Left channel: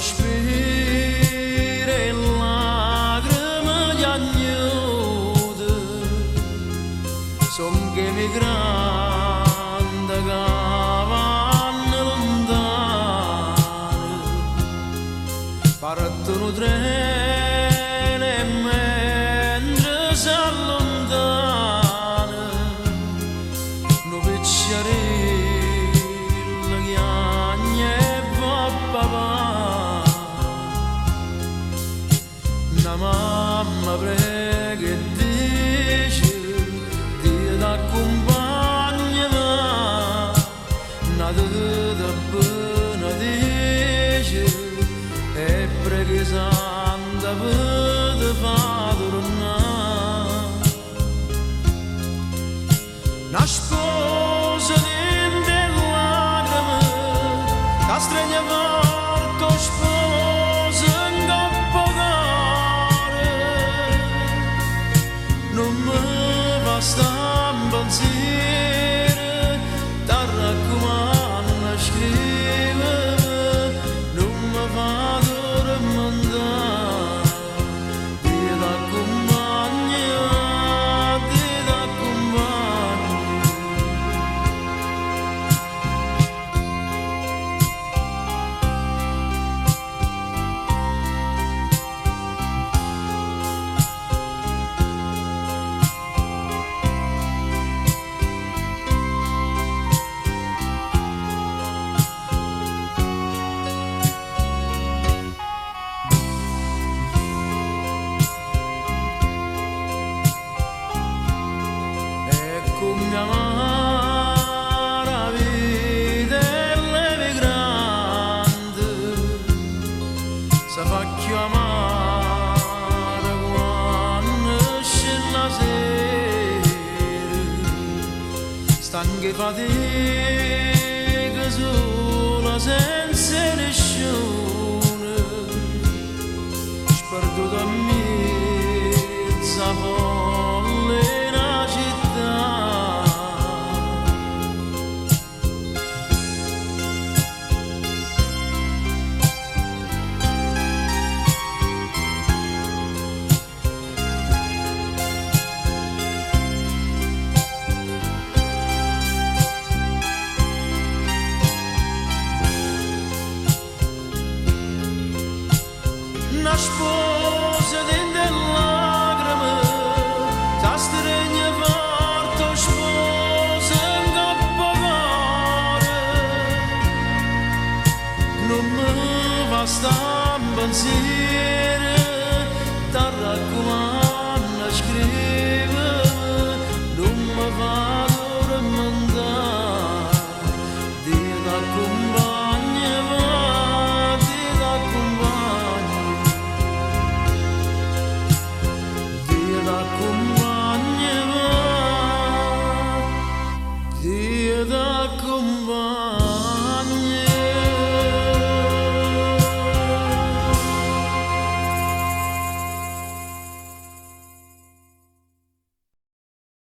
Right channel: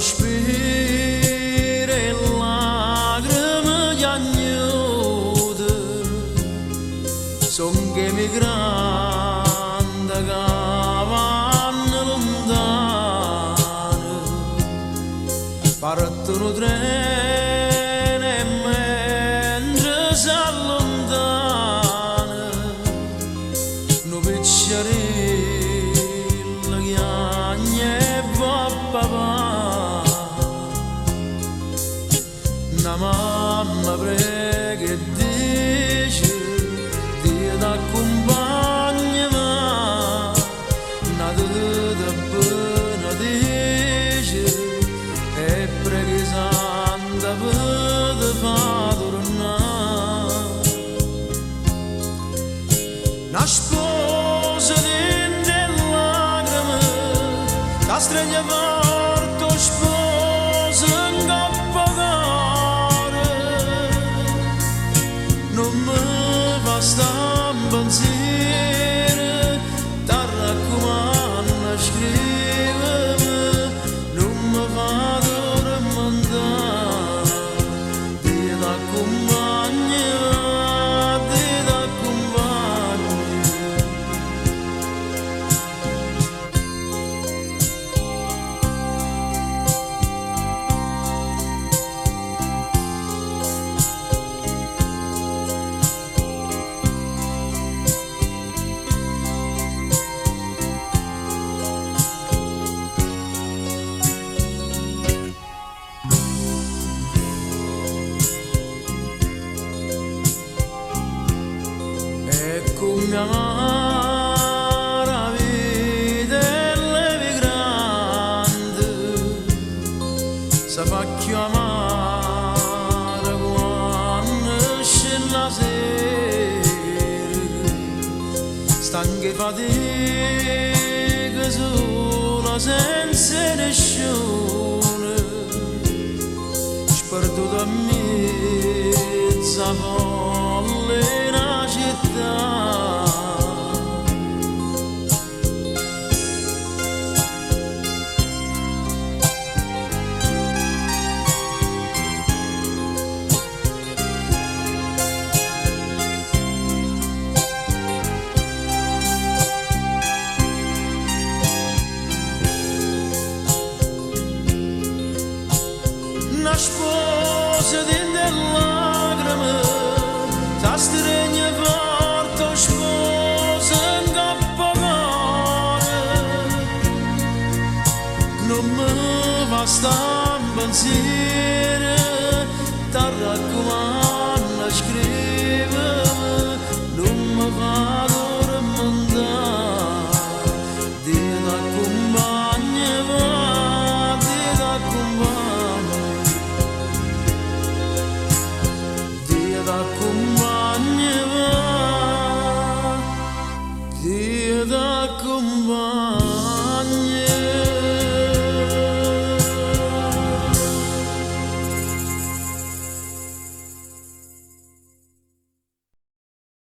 sospiri e lacrime di agnude son che mi grande cavanno lontano partono treni e mentre si allontana nu piccerino chiagna e va papà una mamma prega e dice Dio t'accompagnerà una teta benedice e preghi santa per te fa tornare una sposa dentro lacrime la stregna porto sposa in campo care non mi basta un pensiero ti raccomando a scrivere non mi vado a rimandare Dio t'accompagnerà Dio t'accompagnerà Ecco mia amara vita e levi grande si fa chiamare quando esce la sera stanche fatica